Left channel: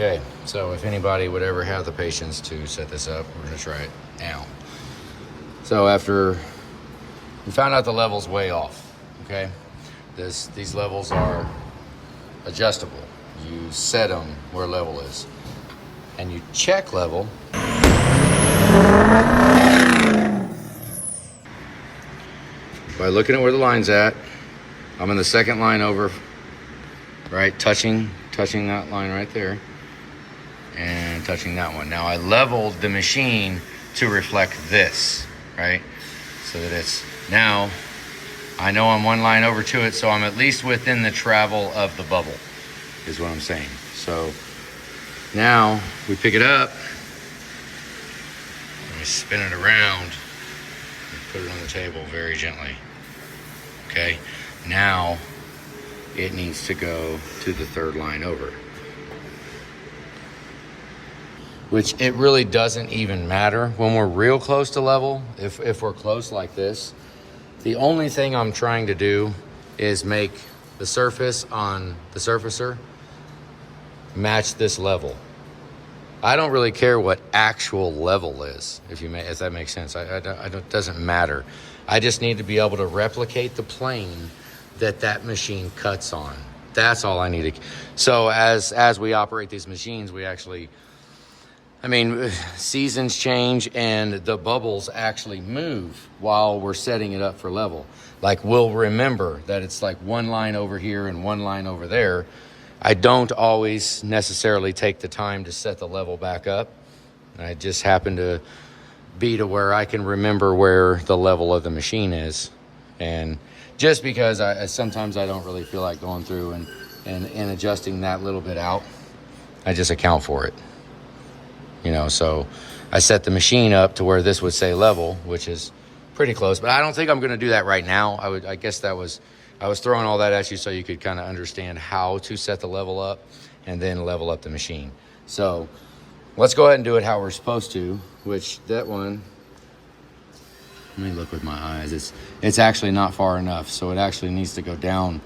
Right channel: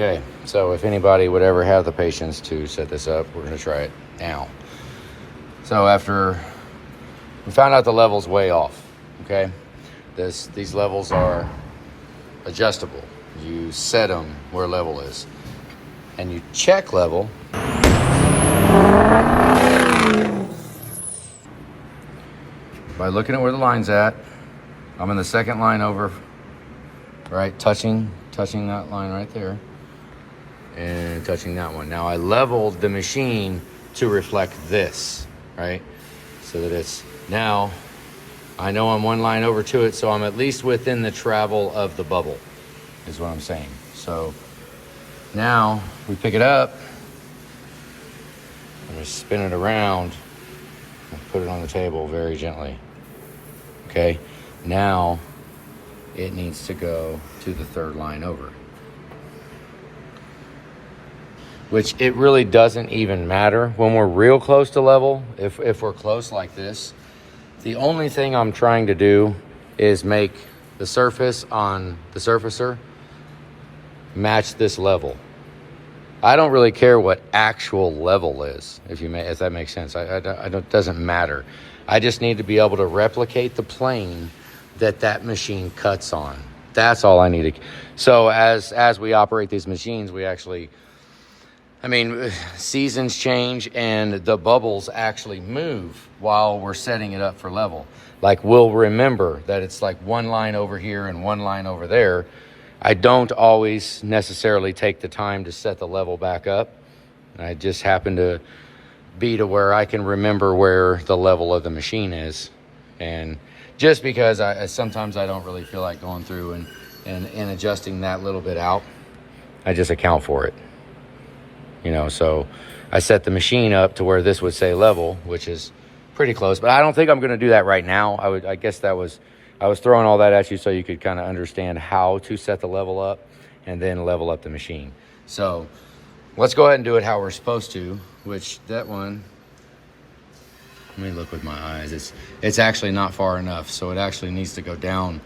Okay, so if anybody would ever have the patience to set this up, we're gonna try it now. So after we found out the level's way off, okay? These levels are adjustable. You set them where level is. And you check level by looking at where the line's at. I'm in the second line over, right? Touching that line right there. And touching that one. Now I leveled the machine to reflect this, right? So that it's, now I know I'm one line over to it, so I'm at least within the travel of the bubble, is what I'm saying. So now we pick it up, and we spin it around, and put it on the table very gently. Okay, now it needs to go to the third line over. Which it really doesn't even matter when we're real close to level. If we're close like this, the only thing I'm trying to do is make the surface on the surfacer match this level. I don't really care what actual level is, if that makes sense. It doesn't matter. I just need to be able to replicate the plane that machine cuts on. That's all I need to. So as we operate these machines, we actually, seasons change and the bubbles actually move while we're setting it up for level. Like, we'll remember that it's like one line over here and one line over there. I don't always necessarily take the time to set the level back up. I just happen to be to where I can remember where the level of the machine is. And just because sometimes I don't really feel like going through and adjusting that little bit out, I just account for it. So I set the machine up to where this would say level, which is pretty close, but I don't think I'm going to do that right now. I guess I was throwing all that at you so you could kind of understand how to set the level up and then level up the machine. So let's go ahead and do it how we're supposed to, which that one, let me look with my eyes. It's actually not far enough. So it actually needs to go down.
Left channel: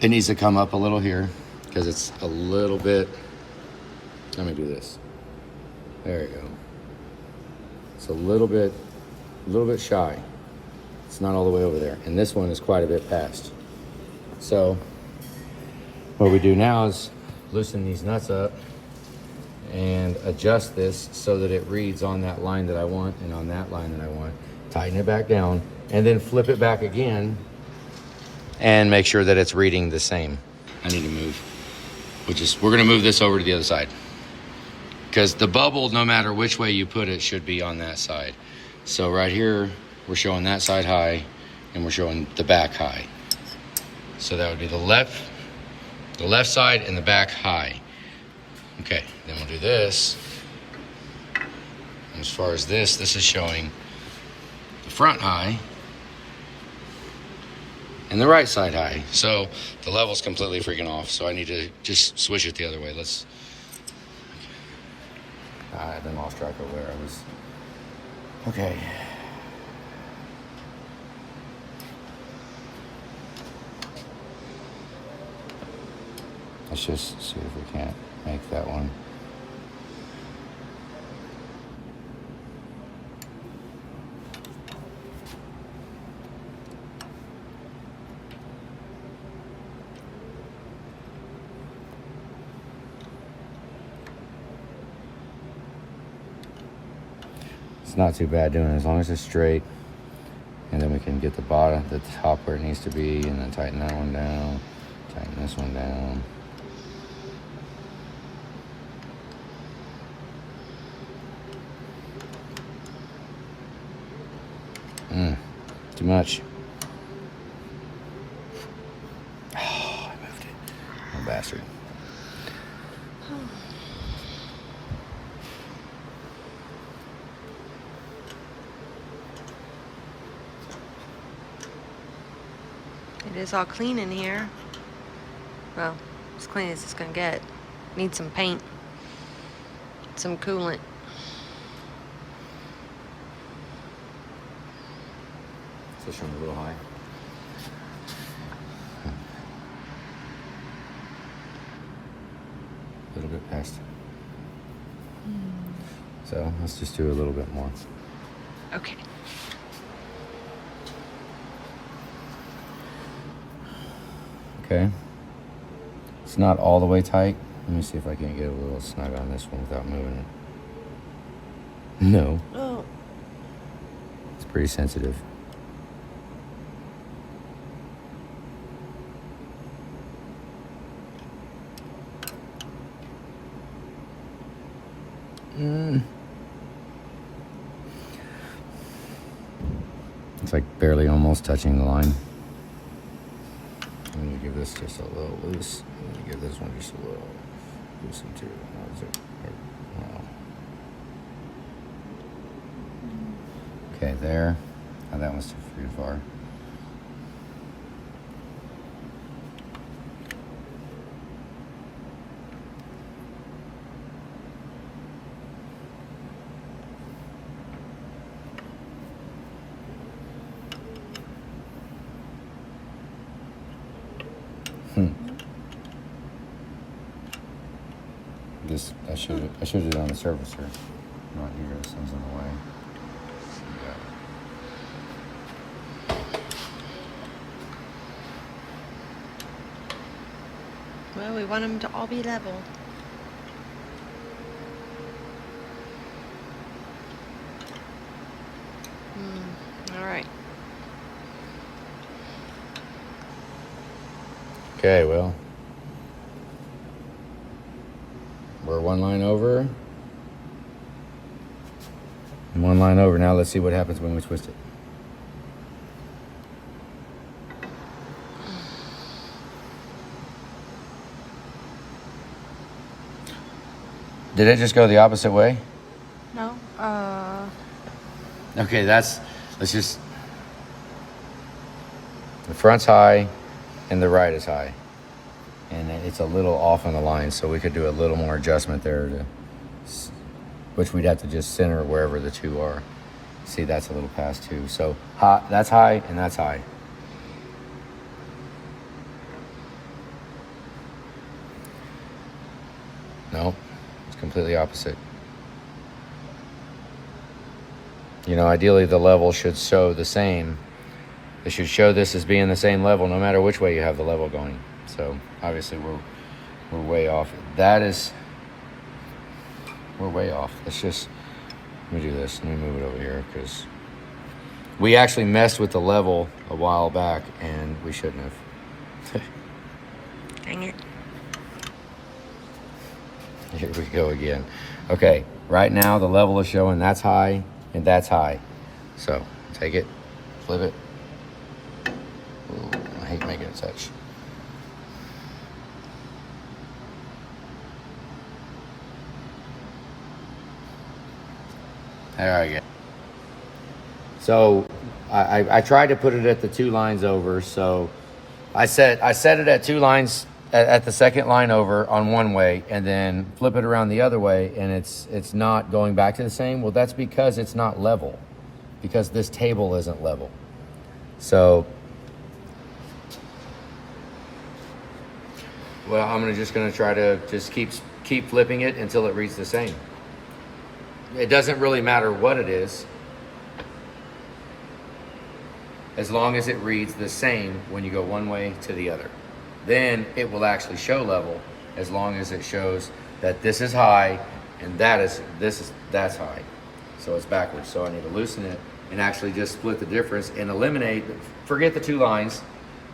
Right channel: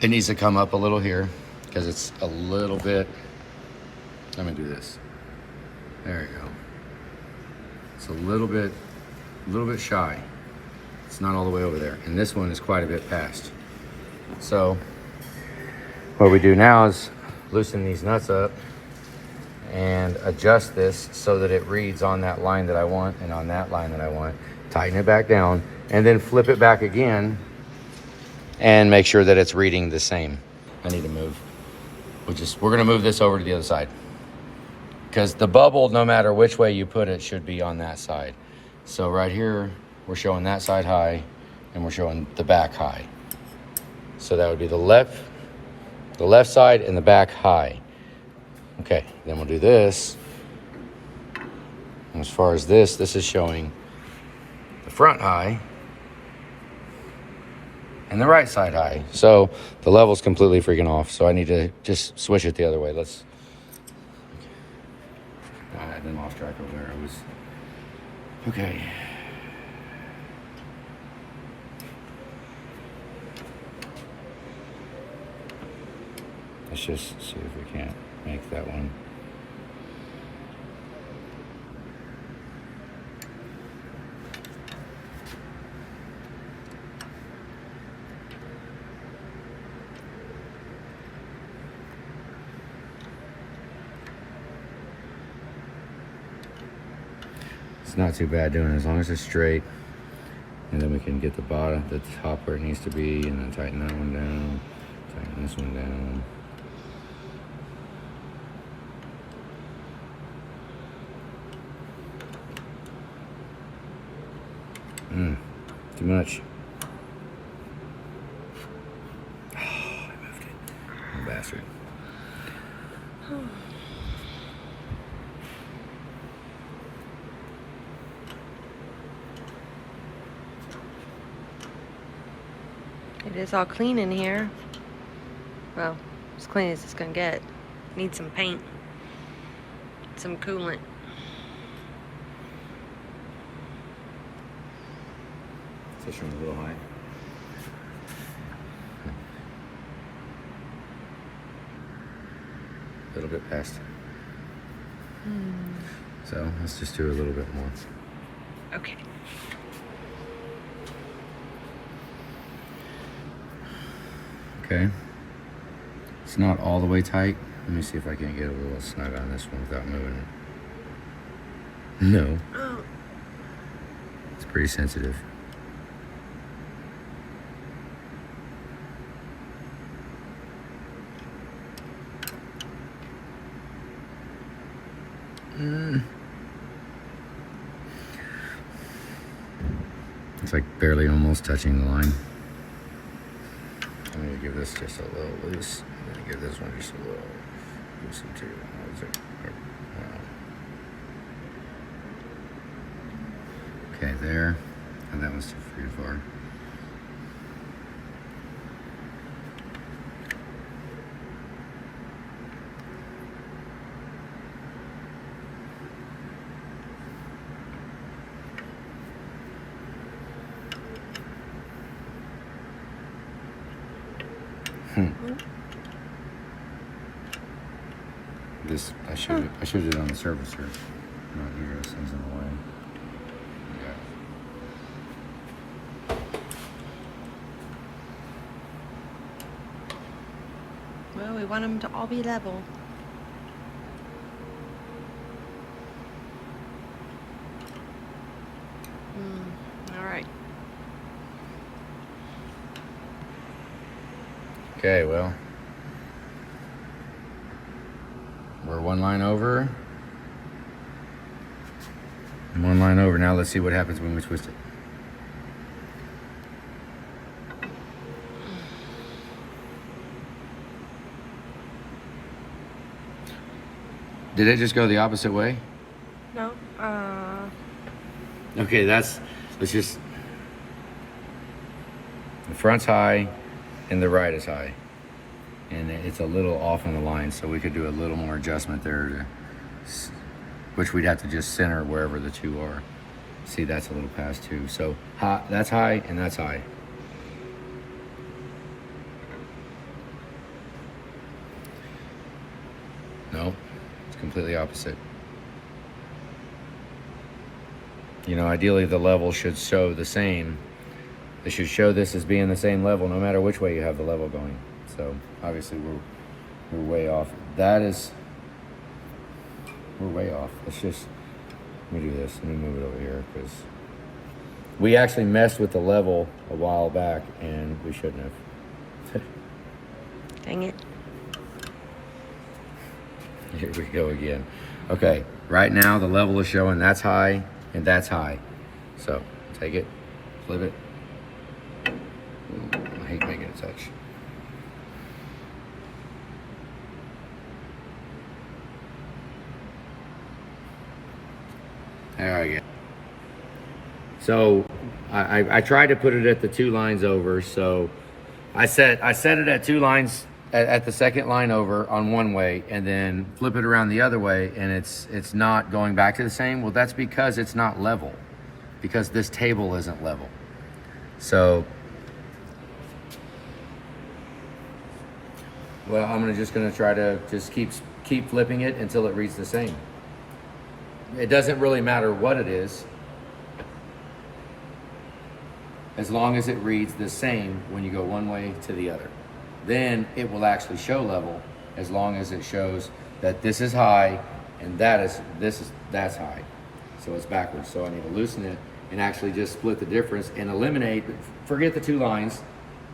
It needs to come up a little here because it's a little bit, let me do this. There you go. It's a little bit shy. It's not all the way over there. And this one is quite a bit past. So what we do now is loosen these nuts up and adjust this so that it reads on that line that I want and on that line that I want. Tighten it back down and then flip it back again and make sure that it's reading the same. I need to move. We're gonna move this over to the other side. Because the bubble, no matter which way you put it, should be on that side. So right here, we're showing that side high, and we're showing the back high. So that would be the left side and the back high. Okay, then we'll do this. As far as this is showing the front high and the right side high. So the level's completely freaking off. So I need to just switch it the other way. I've been lost track of where I was. Okay. Let's just see if we can't make that one. It's not too bad doing it as long as it's straight, and then we can get the top where it needs to be, and then tighten that one down, tighten this one down. Too much. Oh, I moved it. Oh, bastard. It is all clean in here. Well, as clean as it's gonna get. Need some paint, some coolant. Pushing a little high. little bit past. So let's just do a little bit more. Okay. Okay. It's not all the way tight. Let me see if I can get a little snug on this one without moving it. No. Oh. It's pretty sensitive. It's like barely almost touching the line. I'm gonna give this just a little loose. I'm gonna give this one just a little loosen too. Okay, there. Oh, that one's too far. This I should have done it on the surface here. Not here, this thing's in the way. Well, we want them to all be level. All right. Okay, well, we're one line over. And one line over. Now let's see what happens when we twist it. Did it just go the opposite way? No. Okay, let's just, the front's high and the right is high. And it's a little off on the line, so we could do a little more adjustment there, which we'd have to just center wherever the two are. See, that's a little past too. So that's high and that's high. No, it's completely opposite. You know, ideally the level should show the same. It should show this as being the same level no matter which way you have the level going. So obviously we're way off. We're way off. Let's just, let me do this. Let me move it over here because we actually messed with the level a while back and we shouldn't have. Dang it. Here we go again. Okay, right now the level is showing that's high and that's high. So take it, flip it. Ooh, I hate making it touch. There we go. So I tried to put it at the two lines over. So I set it at two lines at the second line over on one way, and then flip it around the other way, and it's not going back to the same. Well, that's because it's not level, because this table isn't level. So, well, I'm just gonna try to just keep flipping it until it reads the same. It doesn't really matter what it is, as long as it reads the same when you go one way to the other. Then it will actually show level, as long as it shows that this is high and that's high. So it's backwards. So I need to loosen it and actually just split the difference and eliminate, forget the two lines.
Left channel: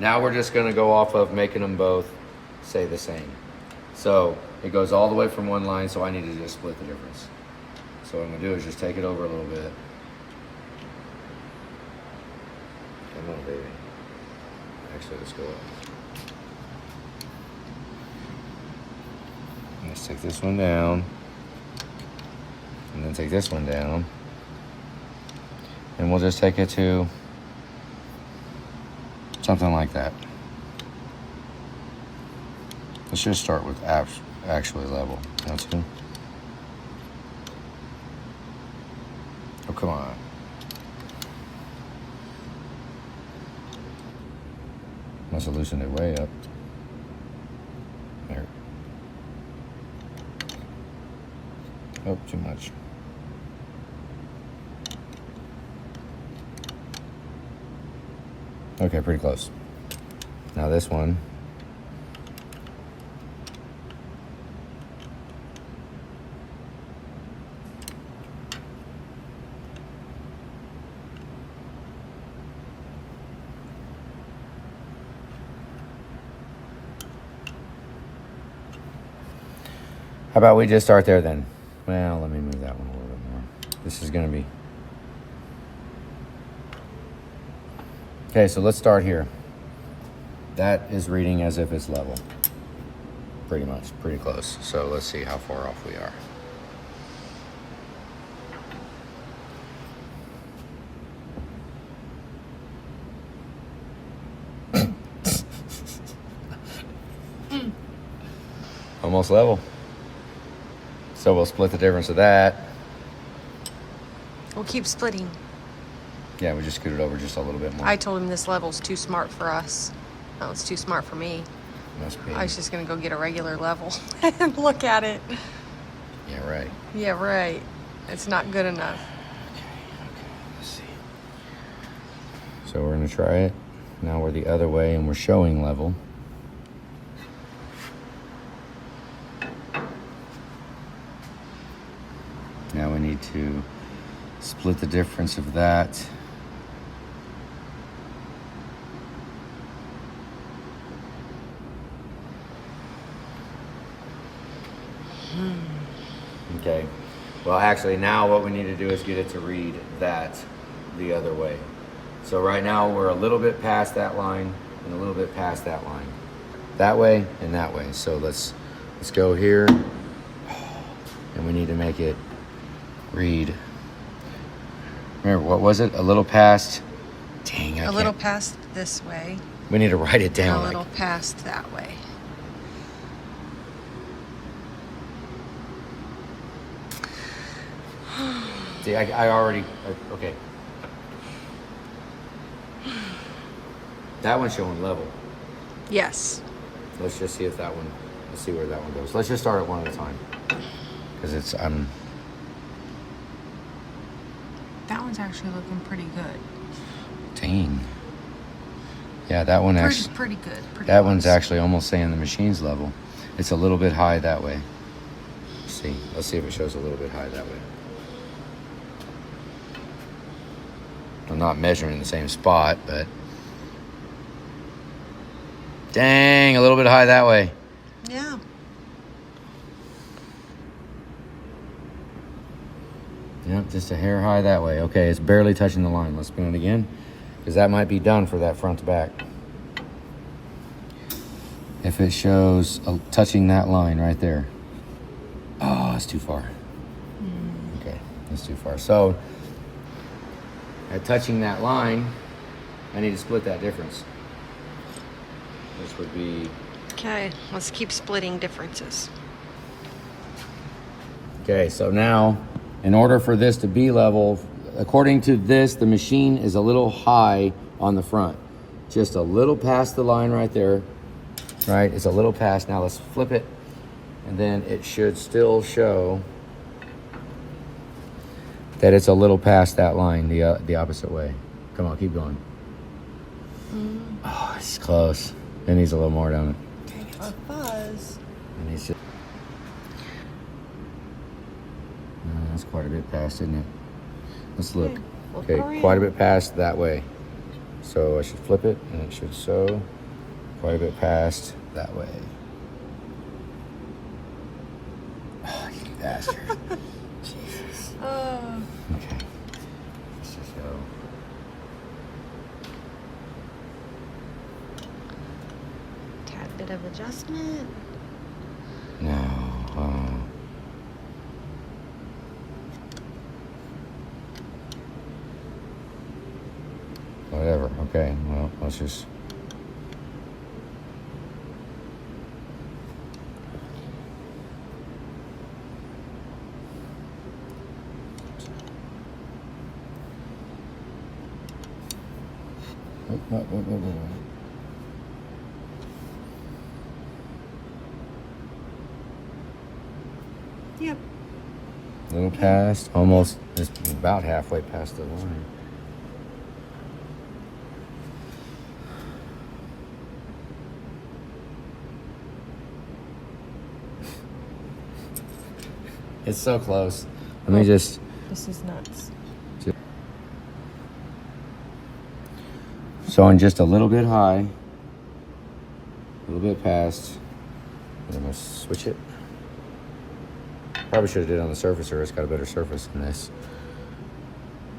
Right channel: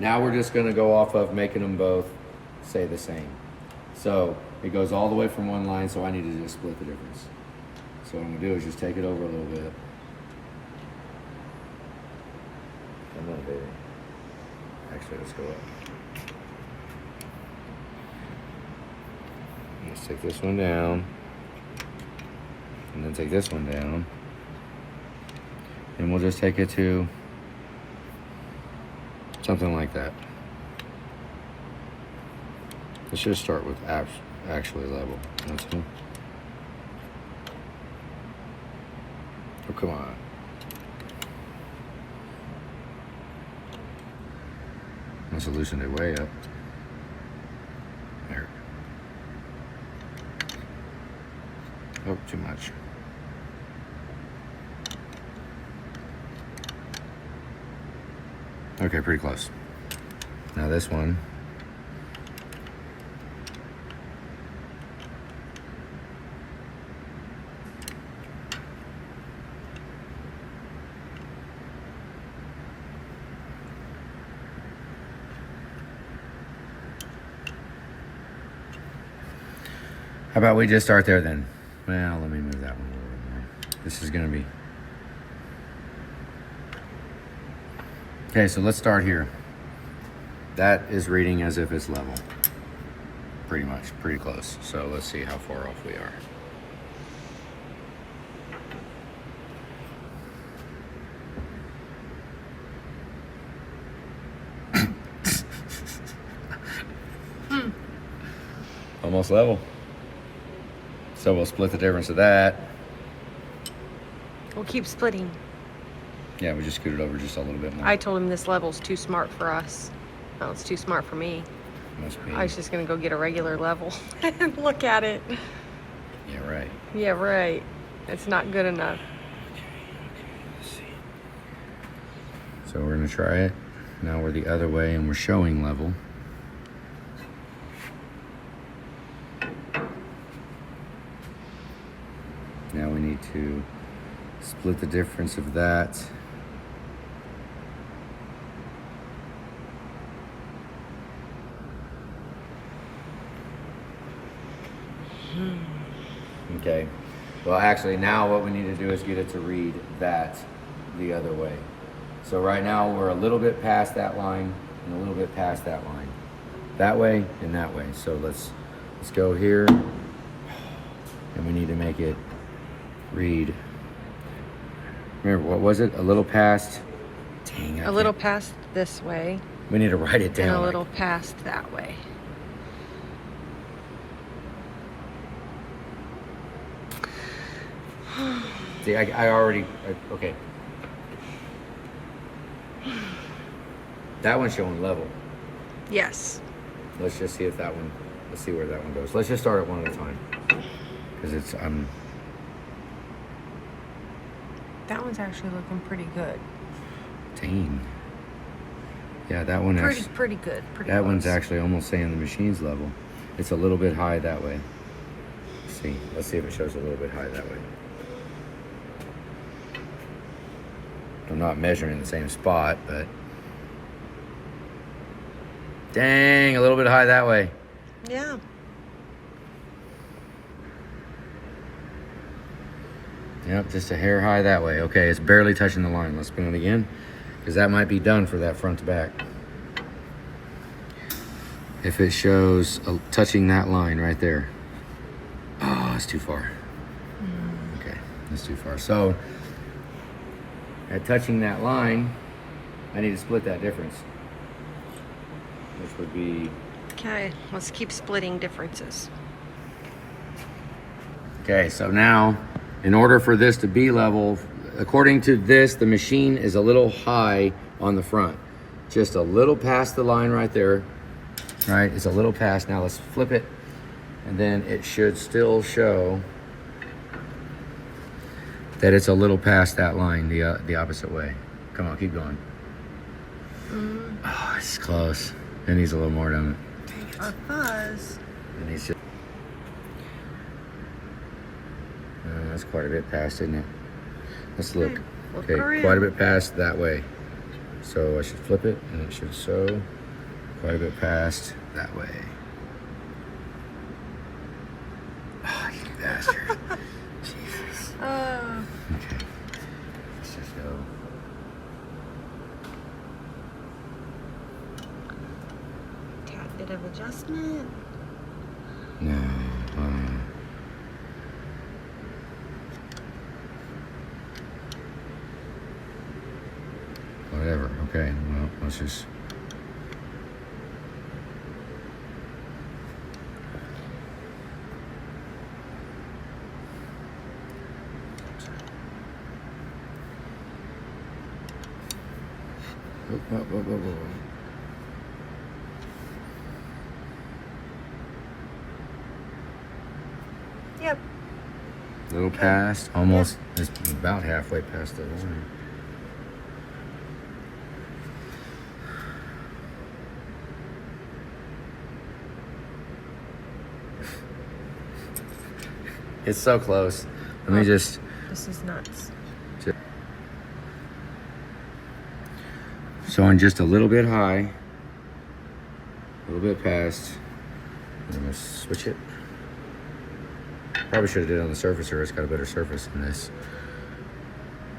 Now we're just gonna go off of making them both say the same. So it goes all the way from one line, so I need to just split the difference. So what I'm gonna do is just take it over a little bit. Come on, baby. Actually, let's go up. Let's take this one down. And then take this one down. And we'll just take it to something like that. Let's just start with actually level. That's it. Oh, come on. Must have loosened it way up. There. Oh, too much. Okay, pretty close. Now this one. How about we just start there then? Well, let me move that one a little bit more. This is gonna be... Okay, so let's start here. That is reading as if it's level. Pretty much, pretty close. So let's see how far off we are. Almost level. So we'll split the difference of that. We'll keep splitting. Yeah, we just scoot it over just a little bit more. I told him this level's too smart for us. No, it's too smart for me. Must be. I was just gonna go get a regular level and look at it. Yeah, right. Yeah, right. It's not good enough. Okay, let's see. So we're gonna try it. Now we're the other way and we're showing level. Now we need to split the difference of that. Okay. Well, actually, now what we need to do is get it to read that the other way. So right now we're a little bit past that line and a little bit past that line. That way and that way. So let's go here. And we need to make it read. Remember, what was it? A little past. Dang, A little past this way. We need to write it down. And a little past that way. See, I already, okay. That one's showing level. Yes. Let's just see if that one, let's see where that one goes. Let's just start it one at a time. Because it's, That one's actually looking pretty good. Dang. Yeah, that one actually. Pretty good. Pretty That close. one's actually almost saying the machine's level. It's a little bit high that way. Let's see if it shows a little bit high that way. I'm not measuring the same spot, but dang, a little bit high that way. Yeah. Yep, just a hair high that way. Okay, it's barely touching the line. Let's spin it again, because that might be done for that front to back. If it shows touching that line right there. Oh, it's too far. Okay, it's too far. So, at touching that line, I need to split that difference. Which would be... Okay, let's keep splitting differences. Okay, so now, in order for this to be level, according to this, the machine is a little high on the front. Just a little past the line right there. Right, it's a little past. Now let's flip it, and then it should still show that it's a little past that line, the opposite way. Come on, keep going. Oh, it's close. It needs a little more, don't it? Dang it. A fuzz. It needs to... that's quite a bit past, isn't it? Let's look. Look Okay, around. quite a bit past that way. So I should flip it, and it should show quite a bit past that way. Oh, you bastard. Jesus. Okay. Let's just go. Tad bit of adjustment. No. Whatever. Okay. Well, let's just... Yep. A little past, almost, it's about halfway past the line. It's so close. Let me just. This is nuts. Showing just a little bit high, a little bit past. I'm gonna switch it. Probably should have did it on the surfacer. It's got a better surface than this.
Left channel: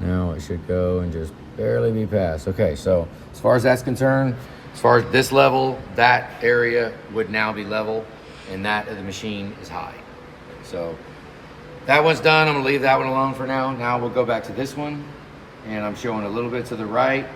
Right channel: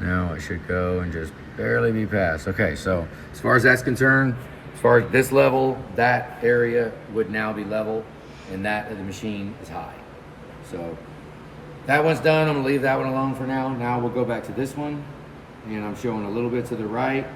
Now it should go and just barely be past. Okay, so as far as that's concerned, as far as this level, that area would now be level, and that of the machine is high. So that one's done. I'm gonna leave that one alone for now. Now we'll go back to this one, and I'm showing a little bit to the right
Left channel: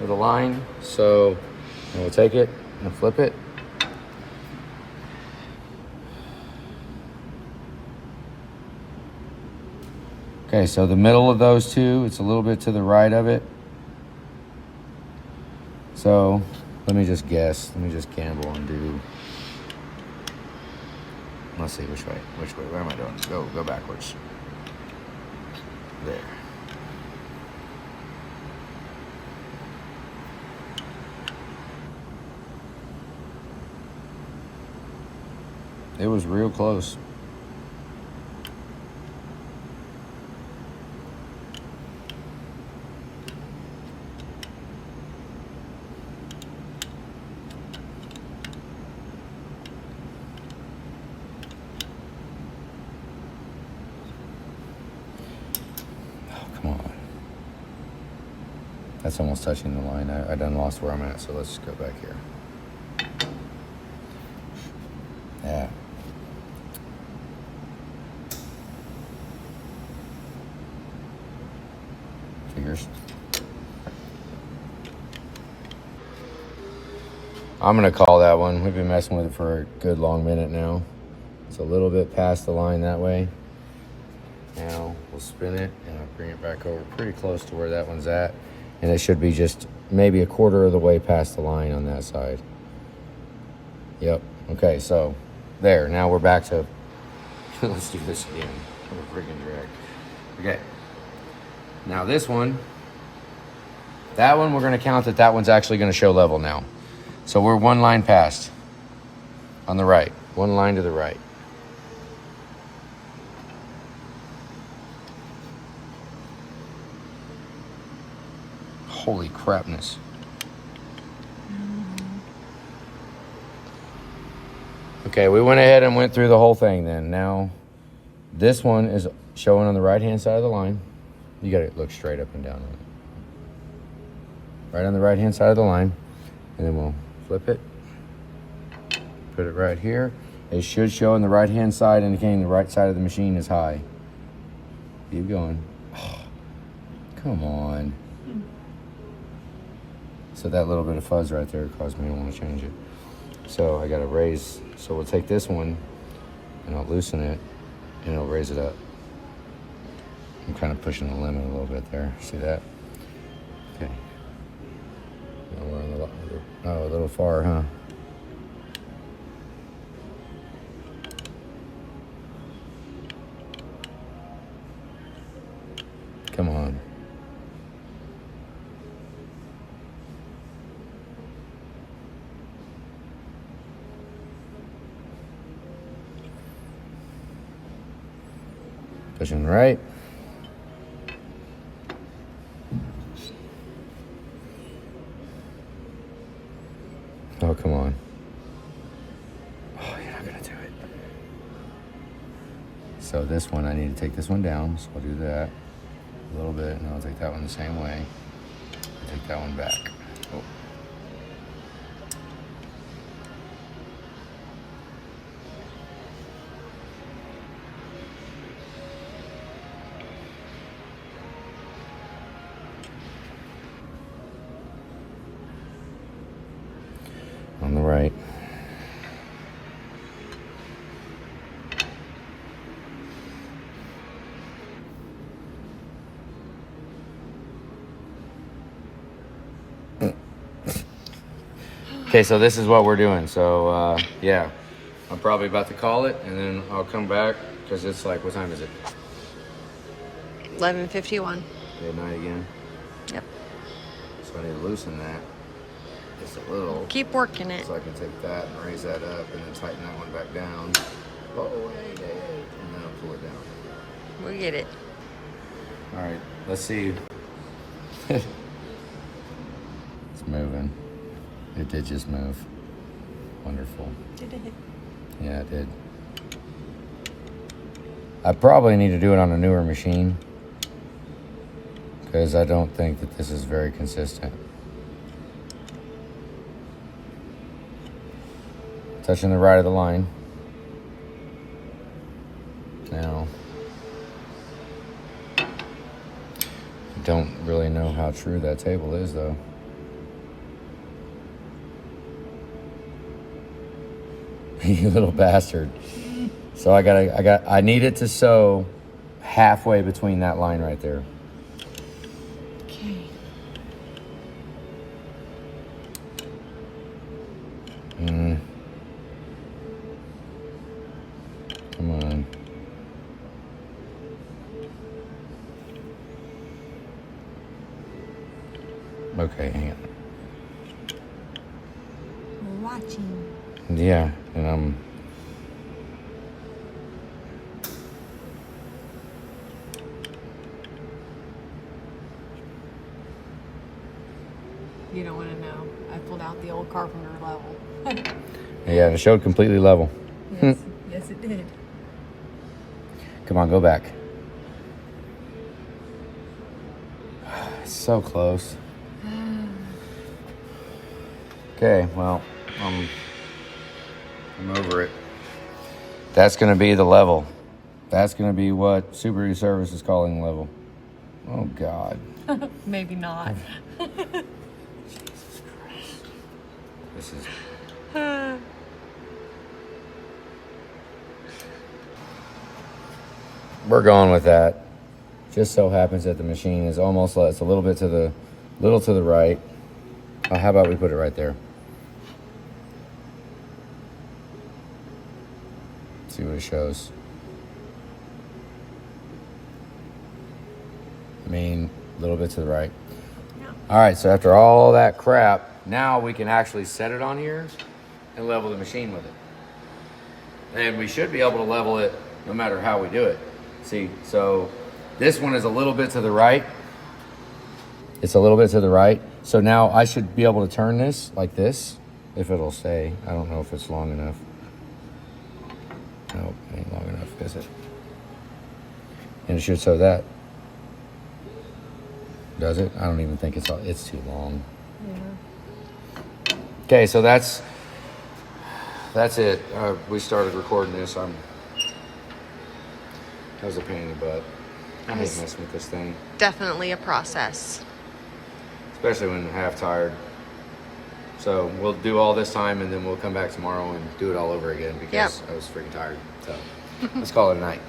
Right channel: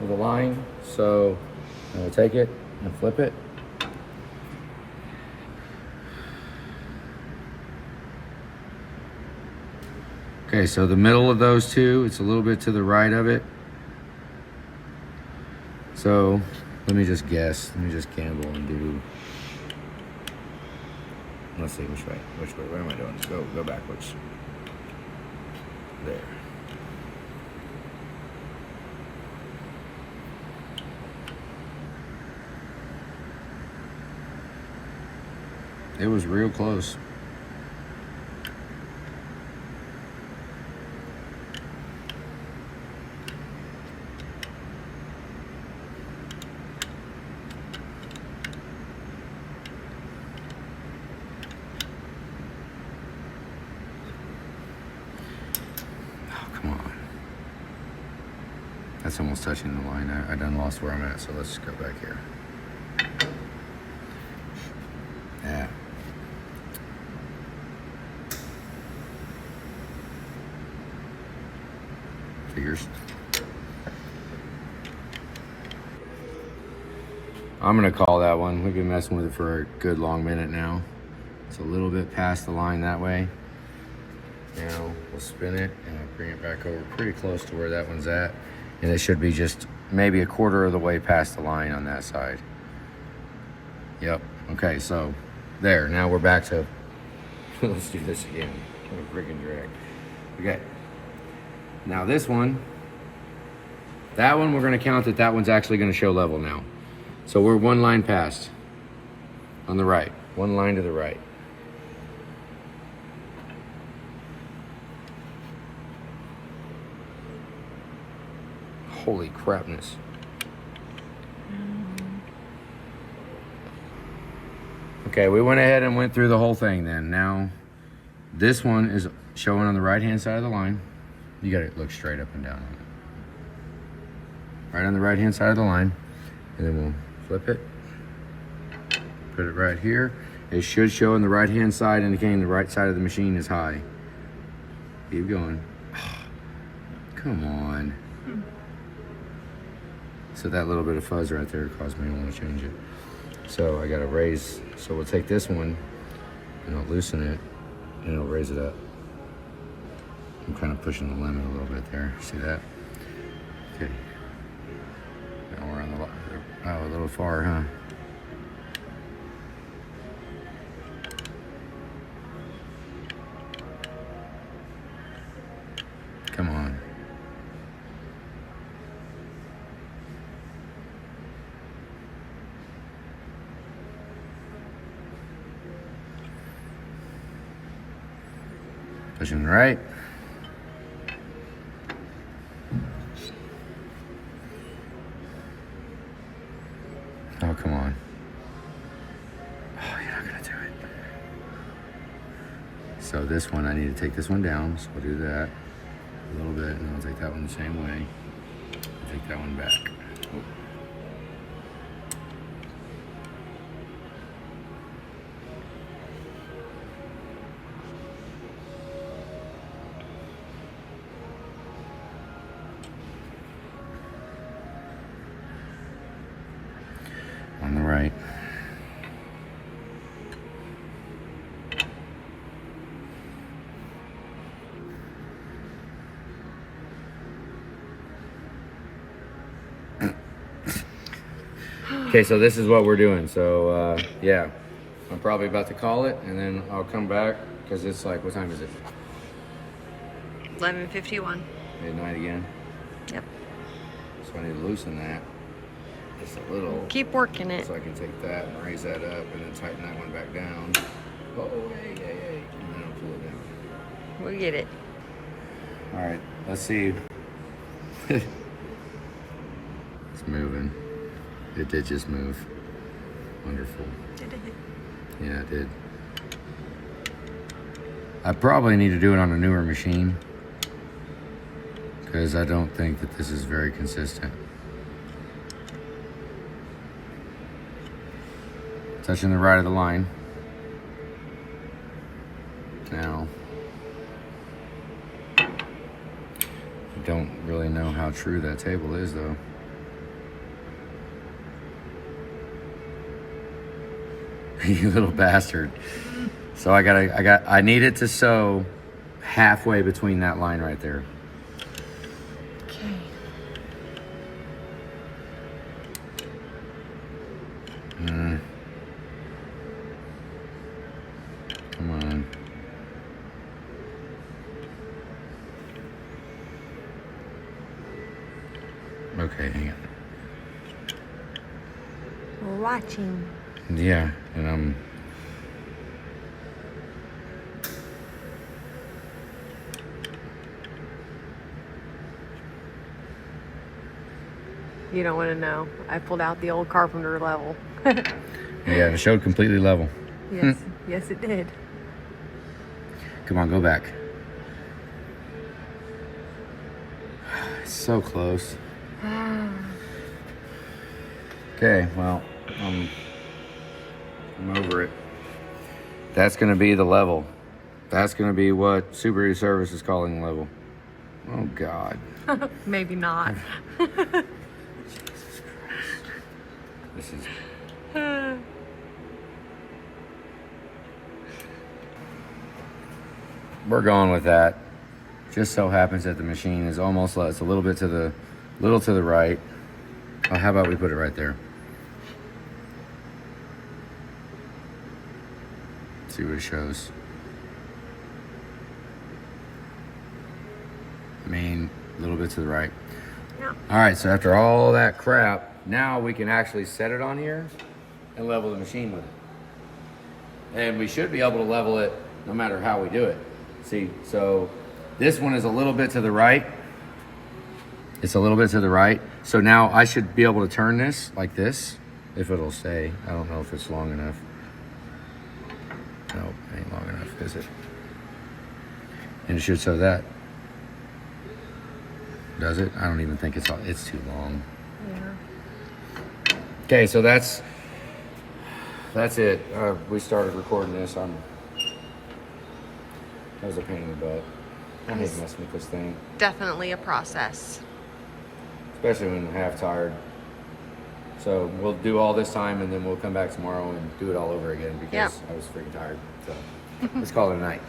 of the line. So I'm gonna take it, I'm gonna flip it. Okay, so the middle of those two, it's a little bit to the right of it. So let me just guess. Let me just gamble and do. Let's see which way. Which way? Where am I doing? Go backwards. There. It was real close. That's almost touching the line. I done lost where I'm at, so let's go back here. Yeah. Figures. I'm gonna call that one. We've been messing with it for a good long minute now. It's a little bit past the line that way. Now we'll spin it and I'll bring it back over pretty close to where that one's at. And it should be just maybe a quarter of the way past the line on that side. Yep. Okay, so there. Now we're back to, let's do this again. I'm a freaking drag. Okay. Now this one, that one we're gonna count that one's actually gonna show level now. So we're one line past on the right, one line to the right. Holy crapness. Okay, we went ahead and went through the whole thing then. Now, this one is showing on the right-hand side of the line. You gotta look straight up and down. Right on the right-hand side of the line. And then we'll flip it. Put it right here. It should show on the right-hand side, indicating the right side of the machine is high. Keep going. Come on. So that little bit of fuzz right there caused me to want to change it. So I got to raise. So we'll take this one and I'll loosen it and it'll raise it up. I'm kind of pushing the limit a little bit there. See that? Okay. Now we're on the, oh, a little far, huh? Come on. Pushing right. Oh, come on. Oh, you're not gonna do it. So this one, I need to take this one down. So I'll do that a little bit, and I'll take that one the same way. Take that one back. Oh. On the right. Okay, so this is what we're doing. So yeah, I'm probably about to call it, and then I'll come back because it's like, what time is it? 11:51. Midnight again. Yep. So I need to loosen that just a little. Keep working it. So I can take that and raise that up and then tighten that one back down. Oh, hey, hey, hey. And then I'll pull it down. We'll get it. All right, let's see. It's moving. It did just move. Wonderful. Did it? Yeah, it did. I probably need to do it on a newer machine because I don't think that this is very consistent. Touching the right of the line. Now, I don't really know how true that table is though. You little bastard. So I need it to sew halfway between that line right there. Okay. Come on. Okay, hang it. We're watching. Yeah, and You don't want to know. I pulled out the old carpenter level. yeah, it showed completely level. Yes, yes it did. Come on, go back. It's so close. Okay, well, I'm over it. That's gonna be the level. That's gonna be what Subaru Service is calling level. Oh God. Maybe not. This is. We're going with that. Just so happens that the machine is almost, it's a little bit to the right. Oh, how about we put it right there? See what it shows. I mean, a little bit to the right. Yeah. All right, so after all that crap, now we can actually set it on here and level the machine with it. And we should be able to level it no matter how we do it. See, so this one is a little bit to the right. It's a little bit to the right. So now I should be able to turn this like this, if it'll stay. I don't know if it's long enough. No, it ain't long enough, is it? And it should show that. Does it? I don't even think it's too long. Yeah. Okay, so that's it. We started recording this. That was a pain in the butt. I hate messing with this thing. Definitely a process. Especially when I'm half tired. So we'll do all this time and then we'll come back tomorrow and do it all over again because I was freaking tired. So let's call it a night.